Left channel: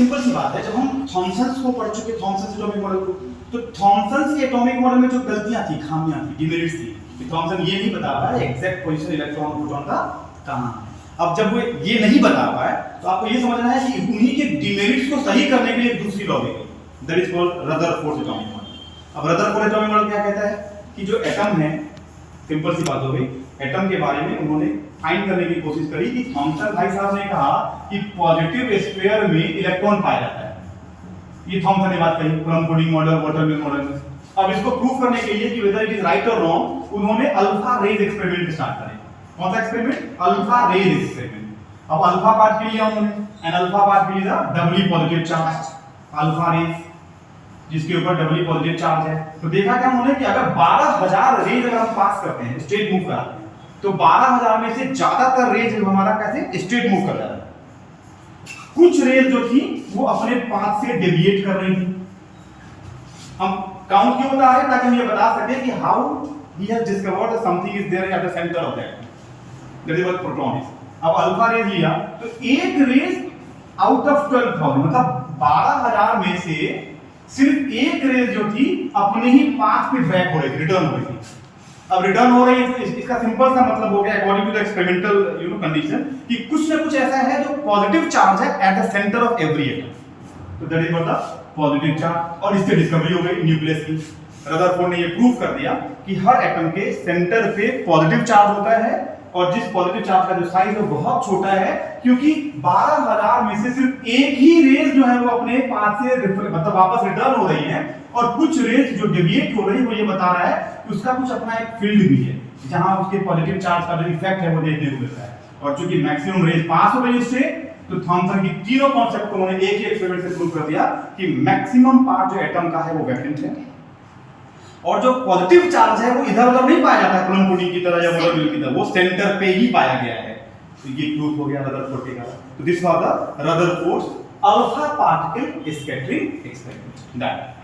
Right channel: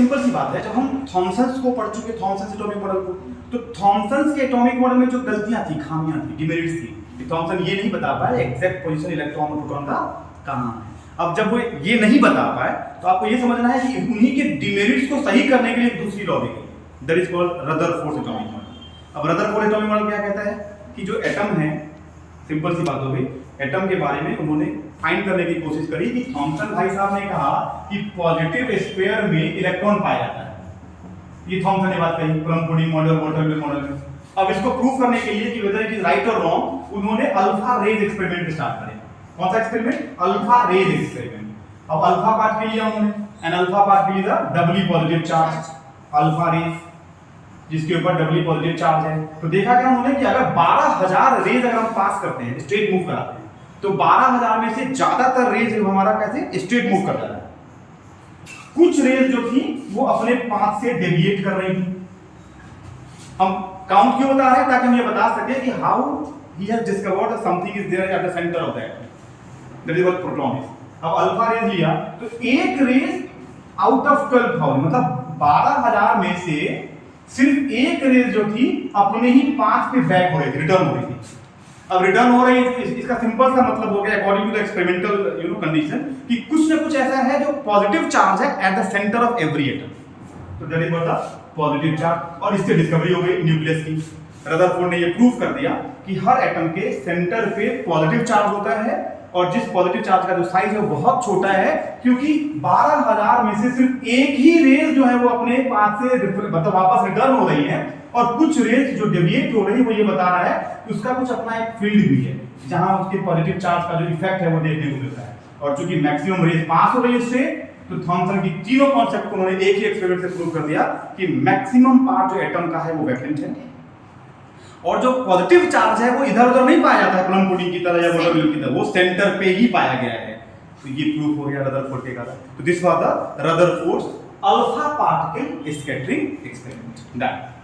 Simple सी बात है, जब हम थॉमसन्स को पढ़ चुके, थॉमसन एटॉमिक मॉडल को, तो थॉमसन के एटॉमिक मॉडल में जो गलतियां थी, खामियां थी, डिमेरिट्स थी, कि थॉमसन ये नहीं बता पाए एग्जैक्ट पोजीशन इलेक्ट्रॉन प्रोटॉन का कहां है। अब जब वो ये नहीं बता पाए तो आपको ये समझना है कि उन्हीं के डिमेरिट्स को सही करने के लिए एक दूसरी लॉ दी गई, that is called Rutherford atomic model. अब रदरफोर्ड एटॉमिक मॉडल क्या कहता है कि जो एटम है, सिंपल सी बात हो गई, एटम के बारे में उन्होंने फाइंड करने की कोशिश करी कि थॉमसन भाई साहब ने कहा कि पॉजिटिव स्फीयर में इलेक्ट्रॉन पाया जाता है, ये थॉमसन ने बात कही plum pudding model, watermill model में। अब इसको प्रूव करने के लिए कि वेदर इट इज राइट और रॉन्ग, उन्होंने अल्फा रेज एक्सपेरिमेंट स्टार्ट करे। कौन सा एक्सपेरिमेंट? Alpha rays experiment. अब अल्फा पार्ट के लिए उन्होंने एन अल्फा पार्ट के लिए doubly positive charge alpha rays, जिसके ऊपर डबली पॉजिटिव चार्ज है। तो देखा क्या उन्होंने कि अगर 12000 रेज अगर हम पास करते हैं, स्ट्रेट मूव कराते हैं, तो 12000 में से ज्यादातर रेज हमारा कैसे स्ट्रेट मूव कर जा रहा है। कुछ रेज जो थी वो अपने पाथ से डेविएट कर रही थी। हम काउंट क्यों बता रहे हैं? ताकि हम ये बता सके कि how he has discovered something is there at the centre of that, that is what proton is. अब अल्फा रेज लिया तो एक रेज आउट ऑफ 12000, मतलब 12000 में से सिर्फ एक रेज जो थी अपने ही पाथ पे बैक हो रही थी, रिटर्न हो रही थी। अब रिटर्न हो रही है, इसका सिंपल सा मतलब हो गया according to the experimental condition कि कुछ ना कुछ ऐसा है जो पॉजिटिव चार्ज है at the centre of every atom, तो that is what the positive charge. और इससे डिस्कवरी हो गई न्यूक्लियस की। रदरफोर्ड ने ये प्रूव कर दिया कि हर एटम के सेंटर पे पॉजिटिव चार्ज होता है, और जिस पॉजिटिव चार्ज का जो साइज है वो बहुत छोटा है, क्योंकि 12000 में से सिर्फ एक ही रेज जो है वो अपने पाथ से मतलब वापस रिटर्न हो रही है, और कुछ रेज जो डेविएट हो रही है वो ये बता रहा है कि उसका कुछ अपना एक फील्ड भी है जहां उसके पॉजिटिव चार्ज का जो इफेक्ट है वो देखने को मिलता है। और चूंकि मैक्सिमम रेज पास हो रही है उससे, तो थॉमसन की तीनों कॉन्सेप्ट को उन्होंने एक ही एक्सपेरिमेंट से प्रूव कर दिया कि मैक्सिमम पार्ट जो एटम का है वो वैकेंट है, और जो पॉजिटिव चार्ज है वो इधर उधर नहीं पाया जाता है प्लम पुडिंग की तरह या वाटरमेलन की तरह, वो सेंटर पे ही पाया गया है। तो ये प्रूफ हो गया रदरफोर्ड के कारण। तो this was the Rutherford's alpha particle scattering experiment that